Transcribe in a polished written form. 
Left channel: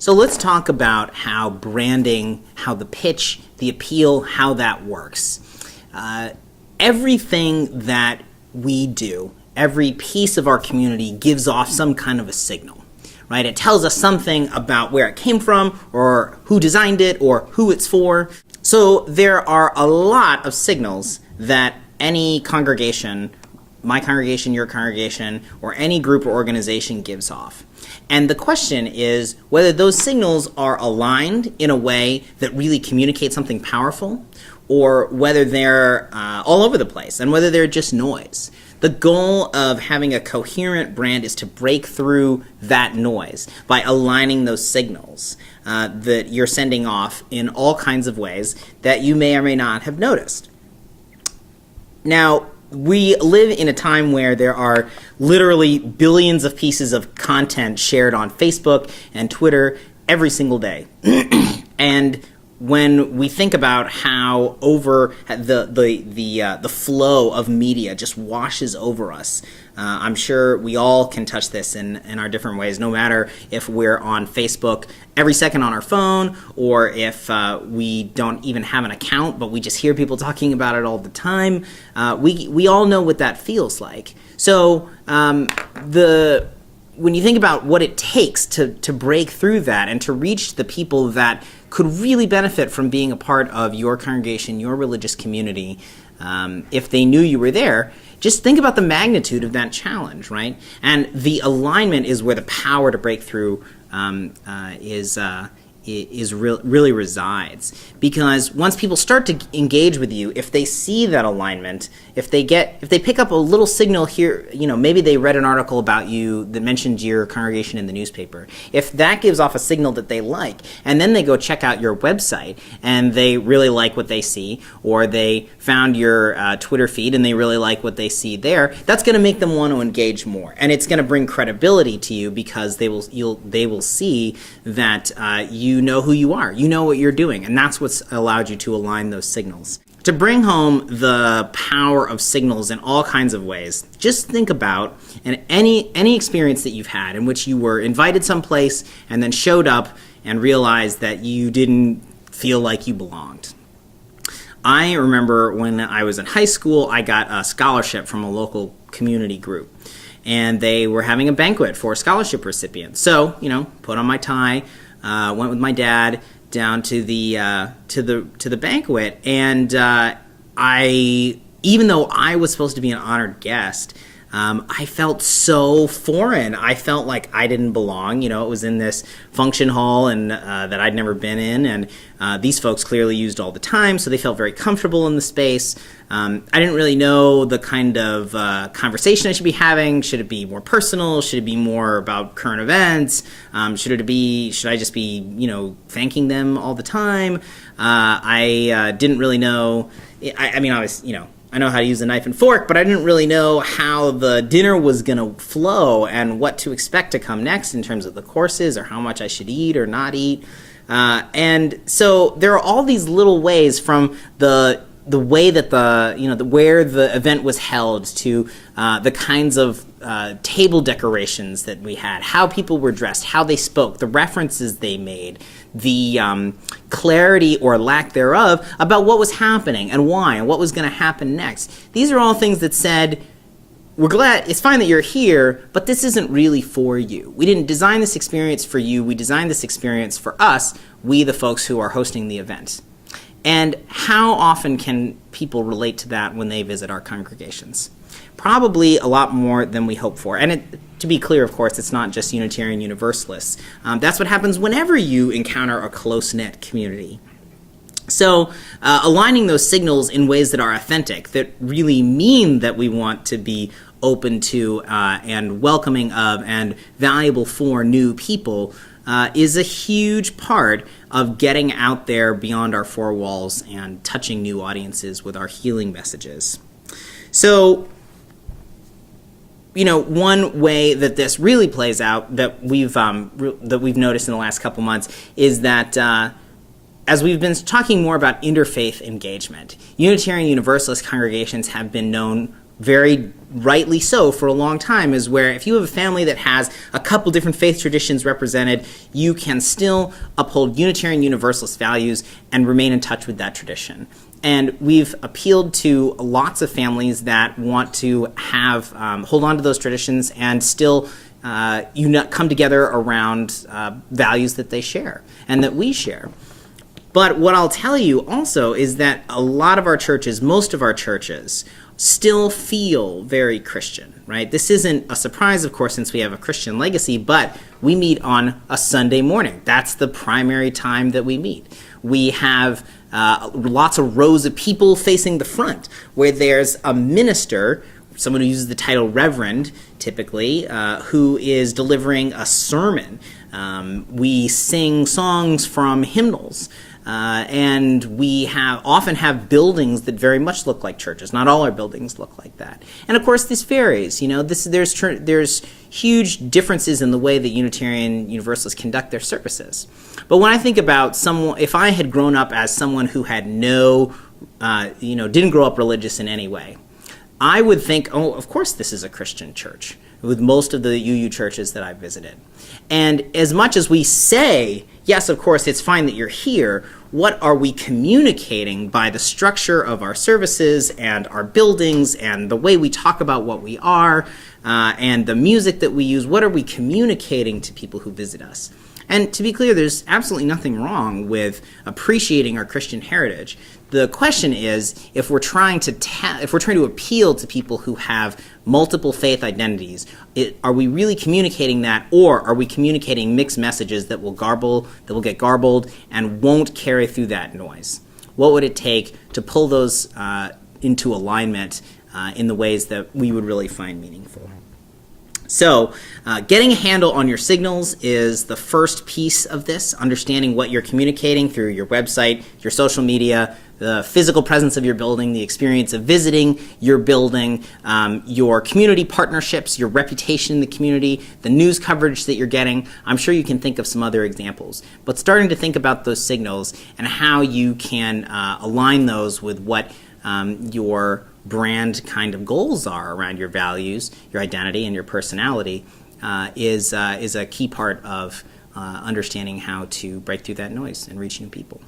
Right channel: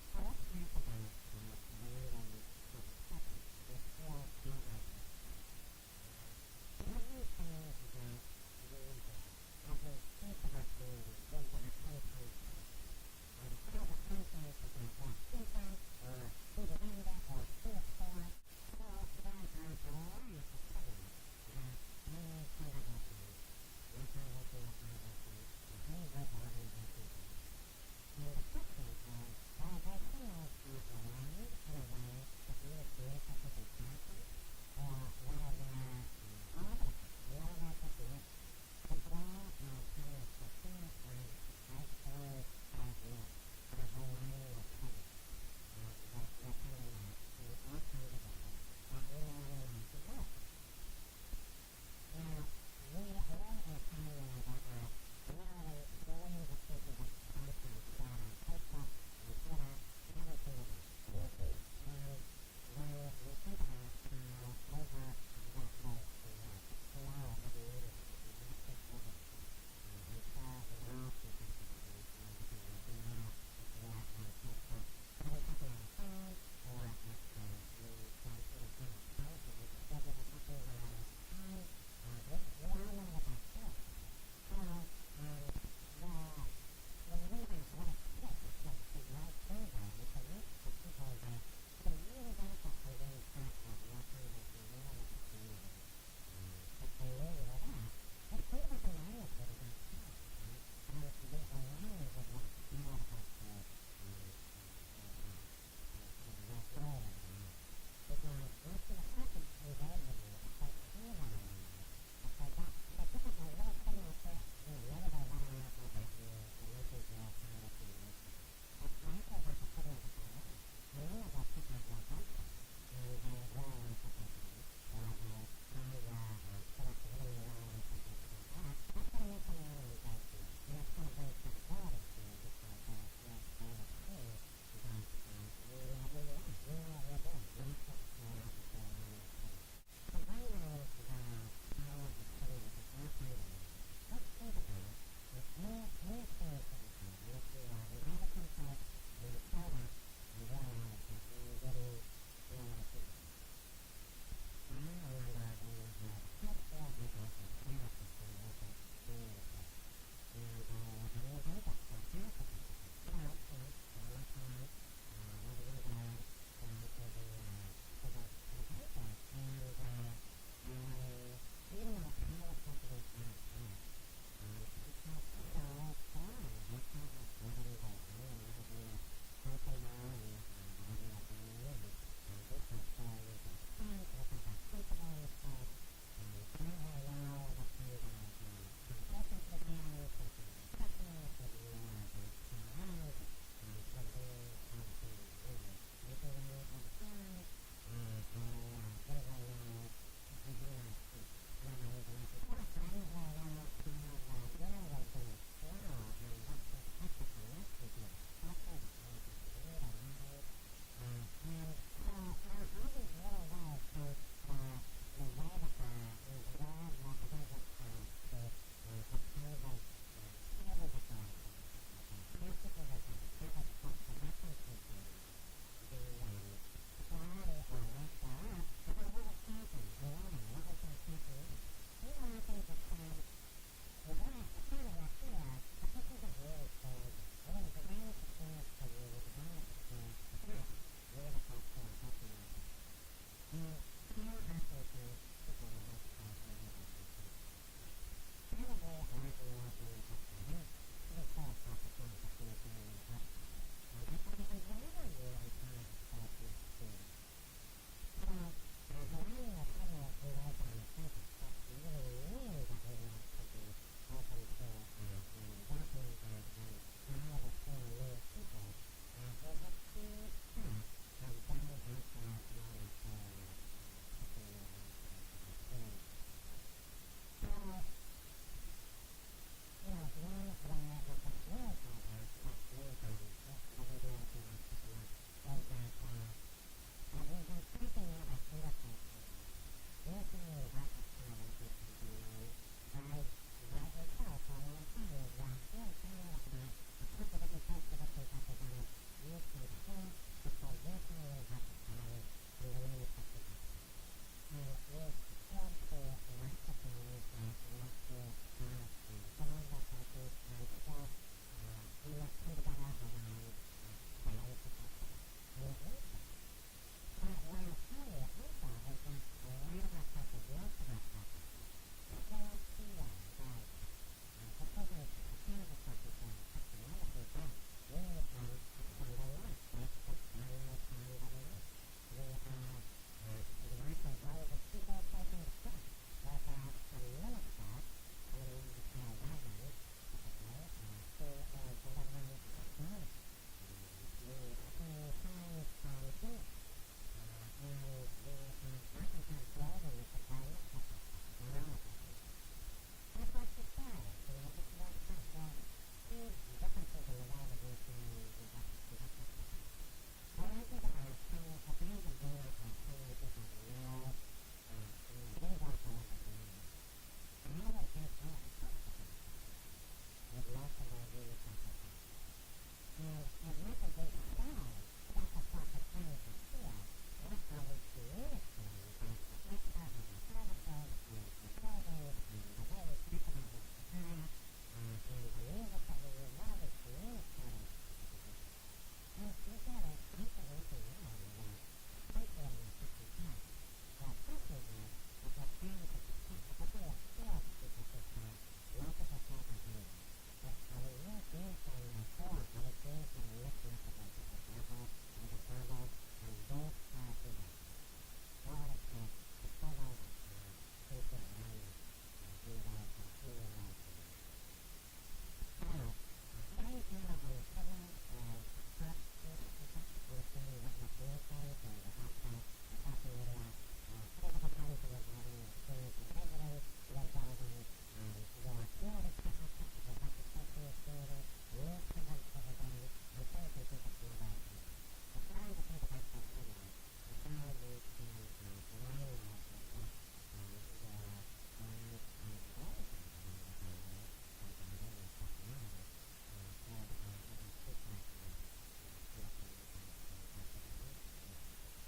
So let's talk about how branding, how the pitch, the appeal, how that works. Everything that we do, every piece of our community gives off some kind of a signal, right? It tells us something about where it came from or who designed it or who it's for. So there are a lot of signals that any congregation, my congregation, your congregation, or any group or organization gives off. And the question is whether those signals are aligned in a way that really communicates something powerful, or whether they're all over the place and whether they're just noise. The goal of having a coherent brand is to break through that noise by aligning those signals that you're sending off in all kinds of ways that you may or may not have noticed. Now, we live in a time where there are literally billions of pieces of content shared on Facebook and Twitter every single day. And when we think about how the flow of media just washes over us, I'm sure we all can touch this in our different ways, no matter if we're on Facebook every second on our phone, or if we don't even have an account, but we just hear people talking about it all the time. We all know what that feels like. So when you think about what it takes to break through that and to reach the people that could really benefit from being a part of your congregation, your religious community, if they knew you were there, just think about the magnitude of that challenge, right? And the alignment is where the power to break through really resides. Because once people start to engage with you, if they see that alignment, if they pick up a little signal here, maybe they read an article about you that mentioned your congregation in the newspaper. If that gives off a signal that they like, and then they go check out your website and they really like what they see, or they found your Twitter feed and they really like what they see there, that's going to make them want to engage more, and it's going to bring credibility to you because they will see that you know who you are, you know what you're doing, and that's what's allowed you to align those signals. To bring home the power of signals in all kinds of ways, just think about any experience that you've had in which you were invited someplace and then showed up and realized that you didn't feel like you belonged. I remember when I was in high school, I got a scholarship from a local community group, and they were having a banquet for scholarship recipients. So, put on my tie, went with my dad down to the banquet, and even though I was supposed to be an honored guest, I felt so foreign. I felt like I didn't belong. It was in this function hall and that I'd never been in, and these folks clearly used all the time, so they felt very comfortable in the space. I didn't really know the kind of conversation I should be having. Should it be more personal? Should it be more about current events? Should I just be, thanking them all the time? I didn't really know. I know how to use a knife and fork, but I didn't really know how the dinner was going to flow and what to expect to come next in terms of the courses or how much I should eat or not eat. And so there are all these little ways, from the way that where the event was held to the kinds of table decorations that we had, how people were dressed, how they spoke, the references they made, the clarity or lack thereof about what was happening and why and what was going to happen next. These are all things that said, we're glad, it's fine that you're here, but this isn't really for you. We didn't design this experience for you. We designed this experience for us, we the folks who are hosting the event. And how often can people relate to that when they visit our congregations? Probably a lot more than we hope for. And to be clear, of course, it's not just Unitarian Universalists. That's what happens whenever you encounter a close-knit community. So aligning those signals in ways that are authentic, that really mean that we want to be open to and welcoming of and valuable for new people is a huge part of getting out there beyond our four walls and touching new audiences with our healing messages. So, one way that this really plays out that we've noticed in the last couple months is that as we've been talking more about interfaith engagement, Unitarian Universalist congregations have been known very rightly so for a long time, is where if you have a family that has a couple different faith traditions represented, you can still uphold Unitarian Universalist values and remain in touch with that tradition. And we've appealed to lots of families that want to have hold on to those traditions and still come together around values that they share and that we share. But what I'll tell you also is that a lot of our churches, most of our churches, still feel very Christian, right? This isn't a surprise, of course, since we have a Christian legacy, but we meet on a Sunday morning. That's the primary time that we meet. We have lots of rows of people facing the front, where there's a minister, someone who uses the title reverend, typically, who is delivering a sermon. We sing songs from hymnals. And we often have buildings that very much look like churches. Not all our buildings look like that. And of course, this varies. There's huge differences in the way that Unitarian Universalists conduct their services. But when I think about if I had grown up as someone who had didn't grow up religious in any way, I would think, oh, of course this is a Christian church, with most of the UU churches that I've visited. And as much as we say, yes, of course, it's fine that you're here, what are we communicating by the structure of our services and our buildings and the way we talk about what we are and the music that we use? What are we communicating to people who visit us? And to be clear, there's absolutely nothing wrong with appreciating our Christian heritage. The question is, if we're trying to appeal to people who have multiple faith identities, are we really communicating that, or are we communicating mixed messages that will get garbled and won't carry through that noise? What would it take to pull those into alignment in the ways that we would really find meaningful? So getting a handle on your signals is the first piece of this, understanding what you're communicating through your website, your social media, the physical presence of your building, the experience of visiting your building, your community partnerships, your reputation in the community, the news coverage that you're getting. I'm sure you can think of some other examples. But starting to think about those signals and how you can align those with what your brand kind of goals are around your values, your identity, and your personality is a key part of understanding how to break through that noise and reach new people.